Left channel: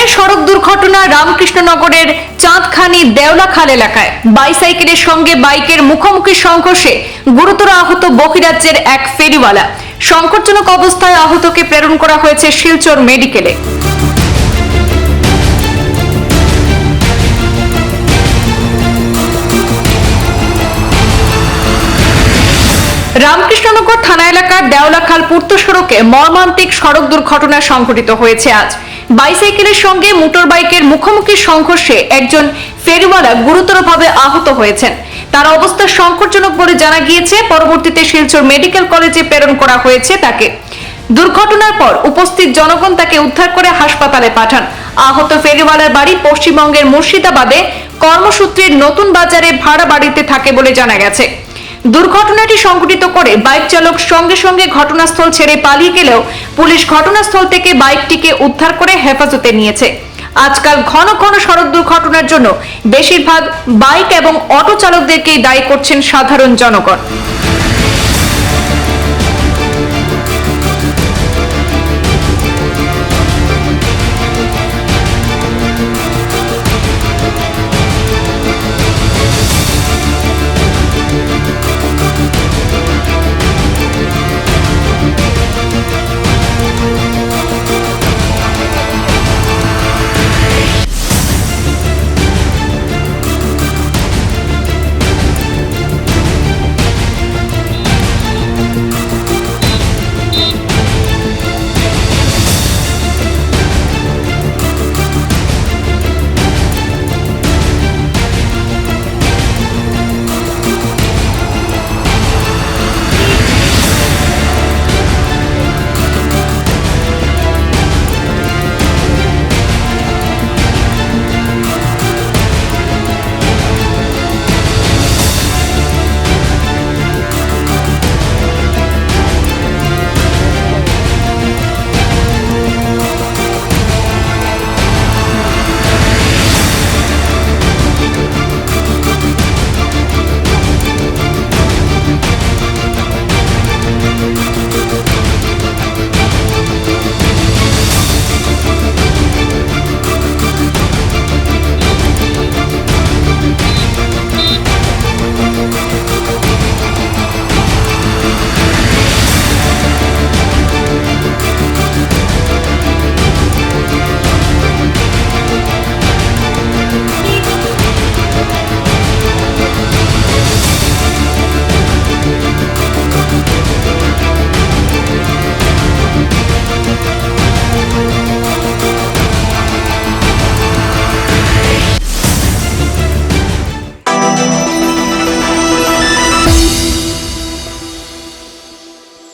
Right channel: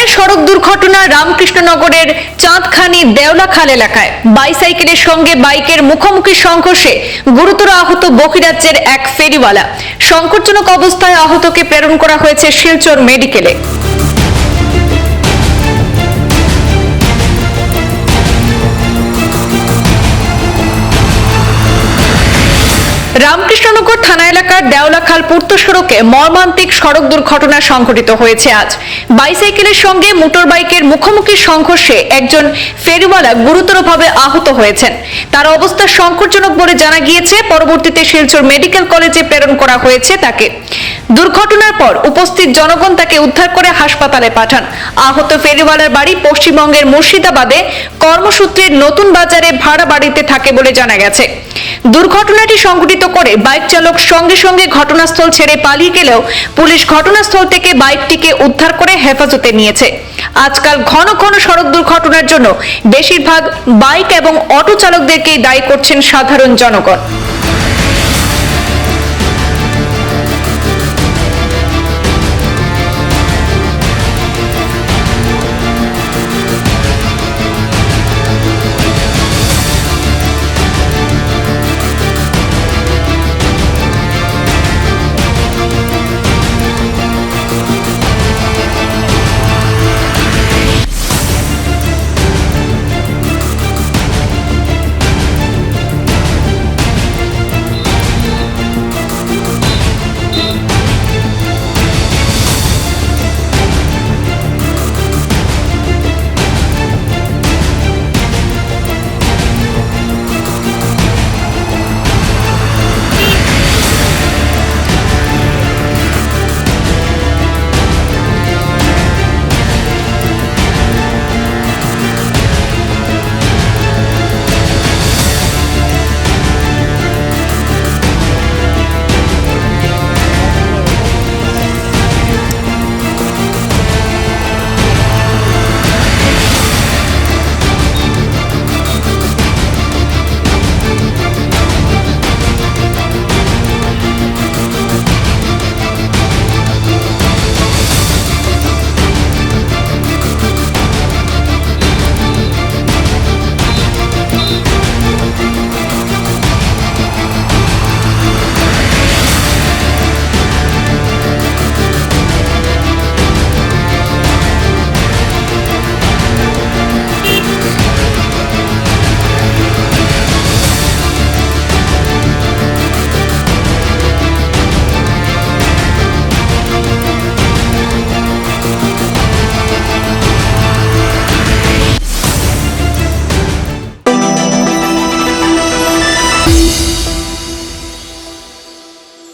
ফের সড়ক দুর্ঘটনা রামকৃষ্ণনগরের চাঁদখানি দেওলাখাল এলাকায় বাইসাইকেলের সঙ্গে বাইকের মুখোমুখি সংঘর্ষে গুরুতর আহত বহিরাজ্যের এক ফেরিওয়ালা। সংকটজনক অবস্থায় আহতকে প্রেরণ করা হয়েছে শিলচর মেডিকেলে। রামকৃষ্ণনগর থানা এলাকার দেওলাখাল পূর্ত সড়কে মর্মান্তিক সড়ক দুর্ঘটনা সংঘটিত হয়েছে আজ। বাইসাইকেলের সঙ্গে মোটর বাইকের মুখোমুখি সংঘর্ষে একজন ফেরিওয়ালা গুরুতরভাবে আহত হয়েছেন। তার অবস্থা সংকটজনক বলে জানা গিয়েছে। পরবর্তীতে শিলচর মেডিকেল কলেজে প্রেরণ করা হয়েছে তাকে। দুর্ঘটনার পর উপস্থিত জনগণ তাকে উদ্ধার করে হাসপাতালে পাঠান। আহত ফেরিওয়ালার বাড়ি পশ্চিমবঙ্গের মুর্শিদাবাদে, কর্মসূত্রে নতুন বাজারে ভাড়া বাড়িতে থাকে বলে জানা গেছে। দুর্ঘটনাটি সংঘটিত করে বাইক চালক সঙ্গে সঙ্গে ঘটনাস্থল ছেড়ে পালিয়ে গেলেও পুলিশ ঘটনাস্থল থেকে বাইকটিকে উদ্ধার করে হেফাজতে নিয়েছে। আজকাল ঘন ঘন সড়ক দুর্ঘটনার জন্য বেশিরভাগ বাইক এবং অটো চালকদেরকেই দায়ী করছেন সাধারণ জনগণ।